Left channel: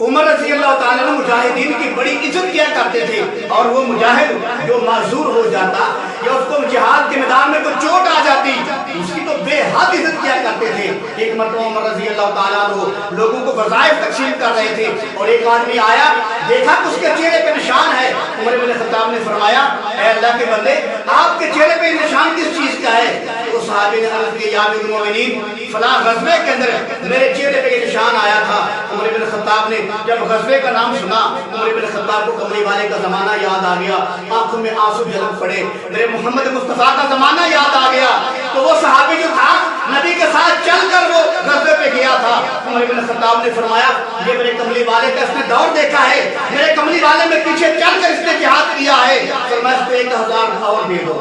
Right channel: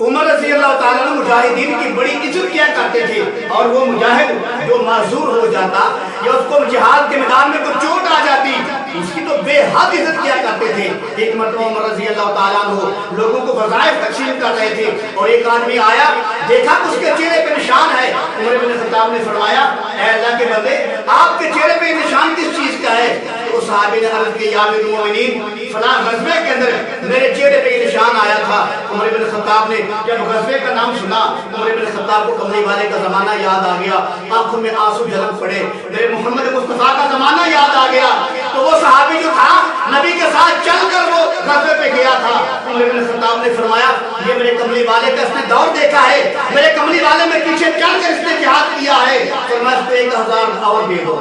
عمر رضی اللہ تعالیٰ عنہ مجاہدین کی بڑی عزت کیا کرتے تھے، اور وہ مجاہد جو معذور ہو جاتا یا اس کو جہاد کے میدان میں کوئی چوٹ آ جاتی اس کی تو بے حد عزت کیا کرتے تھے۔ ایک مرتبہ عمر رضی اللہ تعالیٰ عنہ لوگوں کو وظائف تقسیم کر رہے تھے اور ایک آدمی آیا، دیکھا کہ اس کے چہرے پہ نشان ہے۔ عمر بن خطاب نے فرمایا اے اللہ کے بندے آپ کے چہرے پہ نشان کس چیز کا ہے؟ تو صحابی نے عرض کیا یا امیر المومنین فلاں غزوے کے اندر میرے چہرے پہ یہ نشان آیا تھا۔ عمر بن خطاب نے جب غزوے کا نام سنا عمر بن خطاب کو کملی والے کا زمانہ یاد آ گیا، آنکھوں میں آنسو جھلک پڑے، میرے محمد مصطفیٰ کا زمانہ یاد آ گیا۔ تو وہ صحابی جو تھا نبی کے ساتھ چل کر وہ غزوے پہ گیا تھا۔ عمر بن خطاب نے فرمایا یہ میرے کملی والے کا اس نے دور دیکھا ہے، میرے کملی والے میں پیچھے چل کر اس نے جہاد کیا ہے، فرمایا اس کو 1000 اور دے دو۔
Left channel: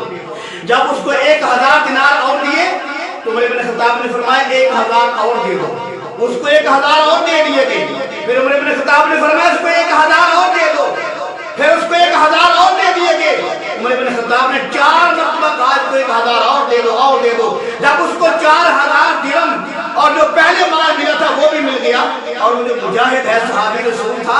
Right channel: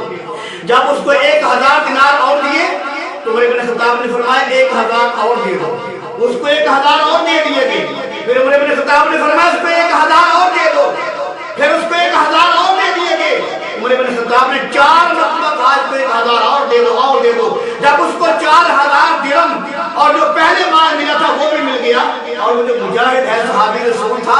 جب اس کو 1000 دینار اور دیے تو عمر بن خطاب نے فرمایا 1000 اور دے دو، اس کو 1000 اور دے دیے گئے۔ پھر عمر بن خطاب نے فرمایا اس کو 1000 اور دے دو، پھر اس کو 1000 اور دے دیے گئے۔ عمر بن خطاب نے 4 مرتبہ کہا اس کو 1000 اور دے دو اور دے دو۔ جب اس کو 4000 درہم اور جو پہلے مال ملا تھا وہ بھی مل گیا، اور وہ جو مجاہد ہے صحابی رسول تھا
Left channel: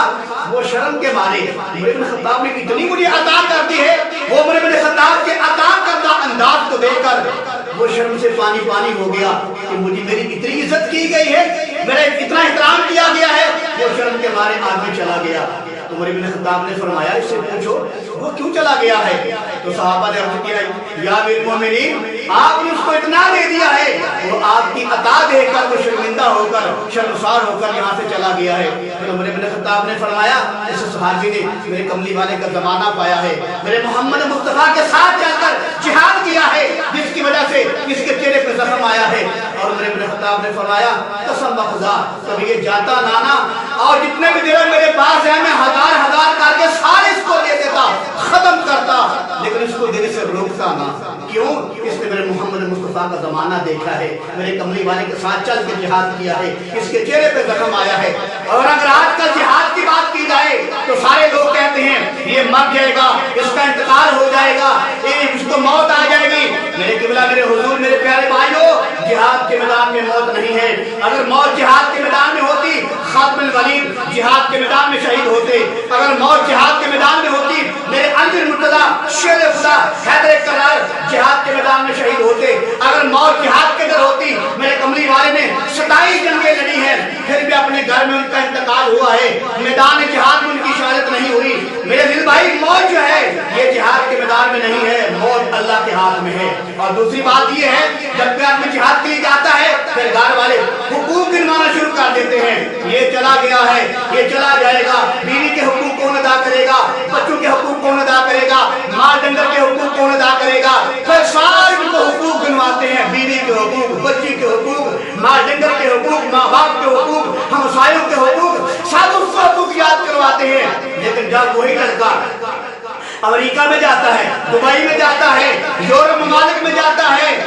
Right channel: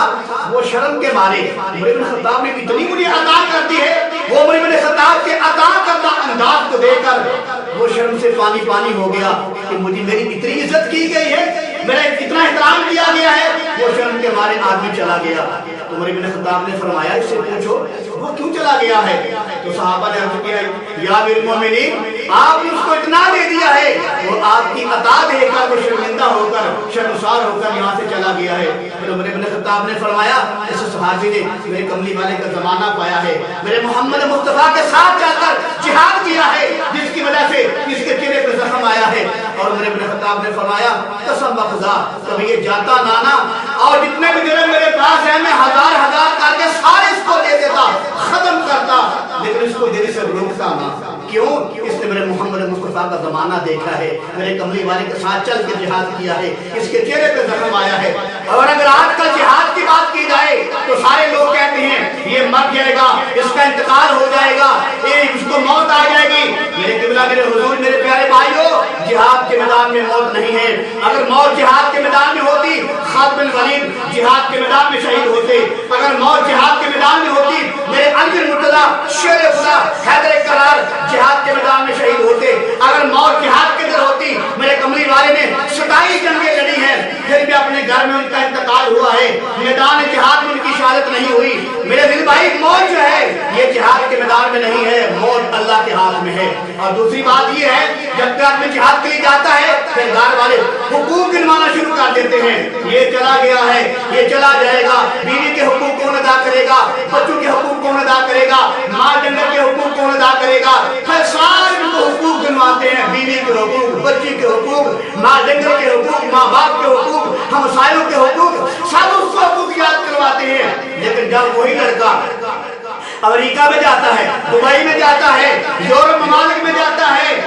وہ شرم کے مارے عمر بن خطاب نے اتنی مجھے عطا کر دی ہے، وہ عمر بن خطاب کے عطا کردہ انداز کو دیکھ کر وہ شرم سے پانی پانی ہو گیا کہ مجھے میری اتنی عزت کی گئی ہے، میرا اتنا احترام کیا گیا ہے، وہ شرم کے مارے آدمی چلا گیا۔ تو عمر بن خطاب نے فرمایا اس سے پوچھو وہ کیوں چلا گیا ہے؟ تو صحابہ نے عرض کیا یا امیر المومنین آپ نے اس کو اتنا دے دیا ہے، وہ آپ کی عطا دے کر وہ شرمندہ ہو کر شرمسار ہو کر یہاں سے چلا گیا ہے۔ پھر عمر بن خطاب نے فرمایا اس صحابی نے میرے کملی والے کا زمانہ پایا ہے، میرے محمد مصطفیٰ کے ساتھ چل کر جہاد کیا ہے، جس کی وجہ سے اس کے چہرے پر زخم آیا ہے۔ اور عمر بن خطاب نے فرمایا قسم بخدا کبھی یہ جاتا نانا اور جتنے بھی درہم میرے پاس ہیں میں 1000 کر کے سارے اس کو دے دیتا، ختم کرتا، لیکن اس کو دینے سے روکتا نہ۔ کیوں؟ اس نے میرے محمد مصطفیٰ کا زمانہ دیکھا ہے، میرے کملی والے کے ساتھ چل کے جہاد کیا ہے، اس کے چہرے پہ زخم آیا ہے۔ اور اگر آج کل جہاد کی بات کی جائے تو سارے لوگ کہتے ہیں یہ مر جائے گا، اس کا انتقال ہو جائے گا، اس کو موت آ جائے گی۔ میرے قبلہ میرے حضور میرے پیارے بھائیو جہاد کے میدان میں موت نہیں ہے۔ اگر موت جہاد کے میدان میں ہوتی خالد بن ولید جہاد کے میدان میں شہید ہوتے، اگر موت جہاد کے میدان میں ہوتی میرے علی بن مرتضیٰ شیر خدا حیدر کرار جہاد کے میدان میں شہید ہوتے، اگر موت جہاد کے اندر ہوتی میرے کملی والے نے 27 جنگیں لڑی ہیں پھر بھی اپنے گھر میں ان کا انتقال ہوا ہے، میدان جہاد میں ان کی شہادت نہیں ہوئی۔ میرے دل بھائی موت جو ہے یہ جہاد کے میدان میں نہیں ہے، موت اللہ کے ہاتھ میں ہے۔ اور دوسری بات یہ ہے جب کہ آدمی جہاد کے لیے جاتا ہے پھر گھر والے حقوق گنوانا شروع کر دیتے ہیں، یہ چلا گیا ہے یہ چلا جائے گا، بیوی کے حقوق کون ادا کرے گا، بچوں کے حقوق کون ادا کرے گا، ماں ڈنگر کے حقوق کون ادا کرے گا، پھر سارے ان کو حقوق گنواتے ہیں، بیوی کے حقوق، بچی کے حقوق، ماں ڈنگر کے حقوق، ماں باپ کے حقوق، ہمسایوں کے حقوق، سب اس کو حقوق یاد کرواتے ہیں۔ لیکن جب وہی لڑکا امریکہ میں جاتا ہے، دبئی میں جاتا ہے، یورپ ممالک میں جاتا ہے،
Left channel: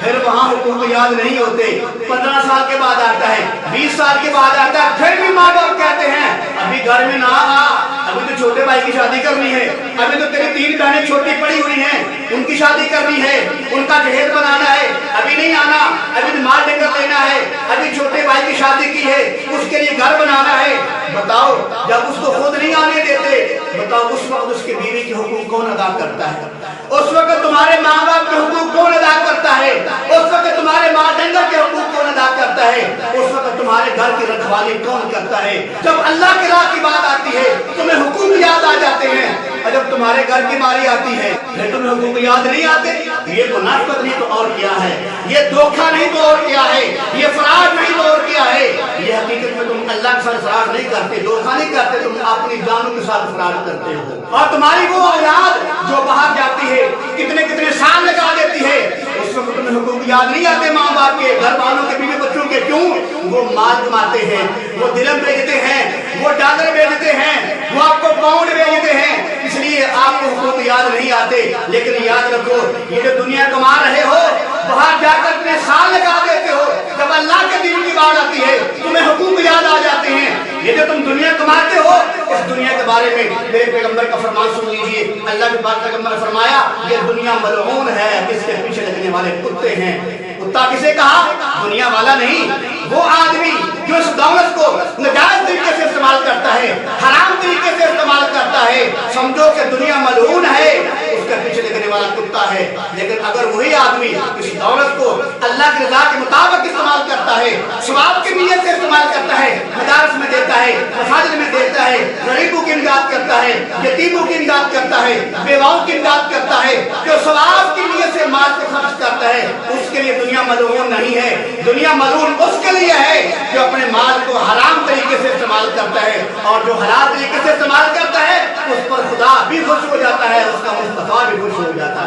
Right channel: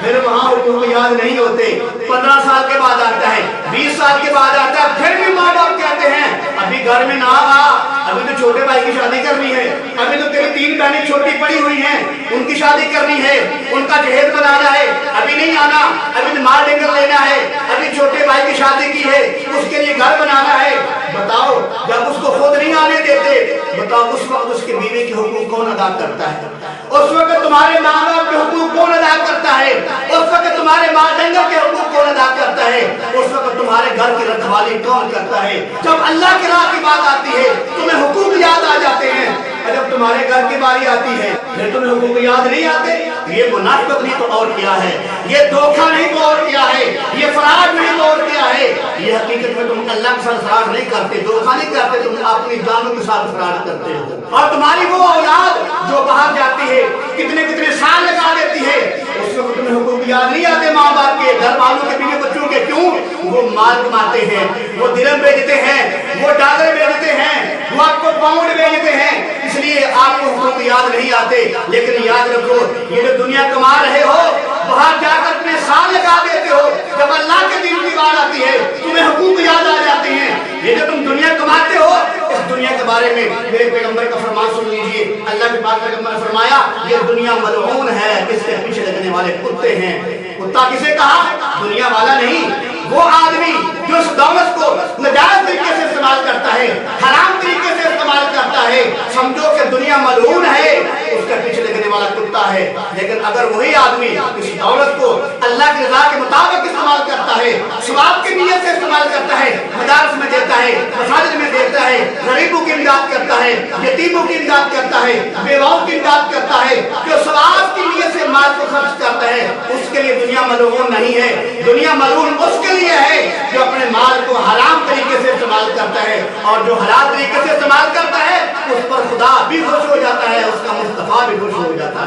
پھر وہاں حقوق یاد نہیں ہوتے، 15 سال کے بعد آتا ہے، 20 سال کے بعد آتا ہے، پھر بھی ماں باپ کہتے ہیں ابھی گھر میں نہ آ، ابھی تو چھوٹے بھائی کی شادی کرنی ہے، ابھی تو تیری 3 بہنیں چھوٹی پڑی ہوئی ہیں ان کی شادی کرنی ہے، ان کا جہیز بنانا ہے، ابھی نہیں آنا، ابھی تو مال ڈنگر لینا ہے، ابھی چھوٹے بھائی کی شادی کی ہے اس کے لیے گھر بنانا ہے۔ بتاؤ جب اس کو خود نہیں آنے دیتے بتاؤ اس وقت اس کے بیوی کے حقوق کون ادا کرتا ہے؟ اس وقت تمہارے ماں باپ کے حقوق کون ادا کرتا ہے؟ اس وقت تمہارے ماں ڈنگر کے حقوق کون ادا کرتا ہے؟ اس وقت تمہارے گھر کی رکھوالی کون کرتا ہے؟ جب اللہ کی راہ کی بات آتی ہے تمہیں حقوق یاد آ جاتے ہیں، اور جب تمہارے گھر کی باری آتی ہے پھر تمہیں حقوق یاد نہیں آتے۔ یہ منافقت نہیں تو اور کیا ہے، یہ دھوکہ نہیں تو اور کیا ہے، یہ فراڈ نہیں تو اور کیا ہے۔ یہ حقیقت میں تم اللہ کے ساتھ فراڈ نہیں کرتے، دھوکہ نہیں کرتے، تم اپنی جانوں کے ساتھ فراڈ کرتے ہو۔ اور تمہاری وہ اولاد جو باہر جاتی ہے کتنے سال لگا دیتی ہے، اس وقت تمہیں حقوق یاد نہیں آتے ماں باپ کے، گھر والوں کے، بیوی بچوں کے۔ کیوں؟ وہ مال کماتے ہیں، وہ درہم بیچتے ہیں، وہ ڈالر بیچتے ہیں، وہ آپ کو پاؤنڈ بیچتے ہیں، اس لیے آپ کو حقوق یاد نہیں آتے۔ لیکن یاد رکھو یہ جو دنیا کما رہے ہو باہر جا کر اتنے سال لگا دیتے ہو، جب اللہ کے دین کی بات آتی ہے تمہیں حقوق یاد آ جاتے ہیں۔ یہ جو تم دنیا کماتے ہو اس دنیا کے بارے میں میرے پیغمبر کا فرمان سن لیجئے، اللہ کے پاک پیغمبر نے فرمایا یہ دنیا ملعون ہے، اس کے پیچھے لگنے والے کتے ہیں۔ کتا کسے کہا؟ دنیا والا نہیں، وہ آدمی جو اس دولت کو ناجائز طریقے سے استعمال کرتا اگر وہی آدمی اس دولت کو اللہ کی رضا کے مطابق استعمال کرتا ہے، ثواب کی نیت سے استعمال کرتا ہے، مدارس میں دیتا ہے، مساجد میں دیتا ہے، غریبوں کی امداد کرتا ہے، یتیموں کی امداد کرتا ہے، بیواؤں کی امداد کرتا ہے، جو ثواب کی نیت سے مال کو خرچ کرتا ہے، اس کے لیے دنیا ملعون نہیں ہے۔ دنیا ملعون اس کے لیے ہے جو اپنے مال کو حرام طریقے سے استعمال کرتا ہے، اور جو حلال طریقے سے استعمال کرتا ہے اس پر خدا بھی خوش ہو جاتا ہے، اس کا مصطفیٰ بھی خوش ہو جاتا ہے۔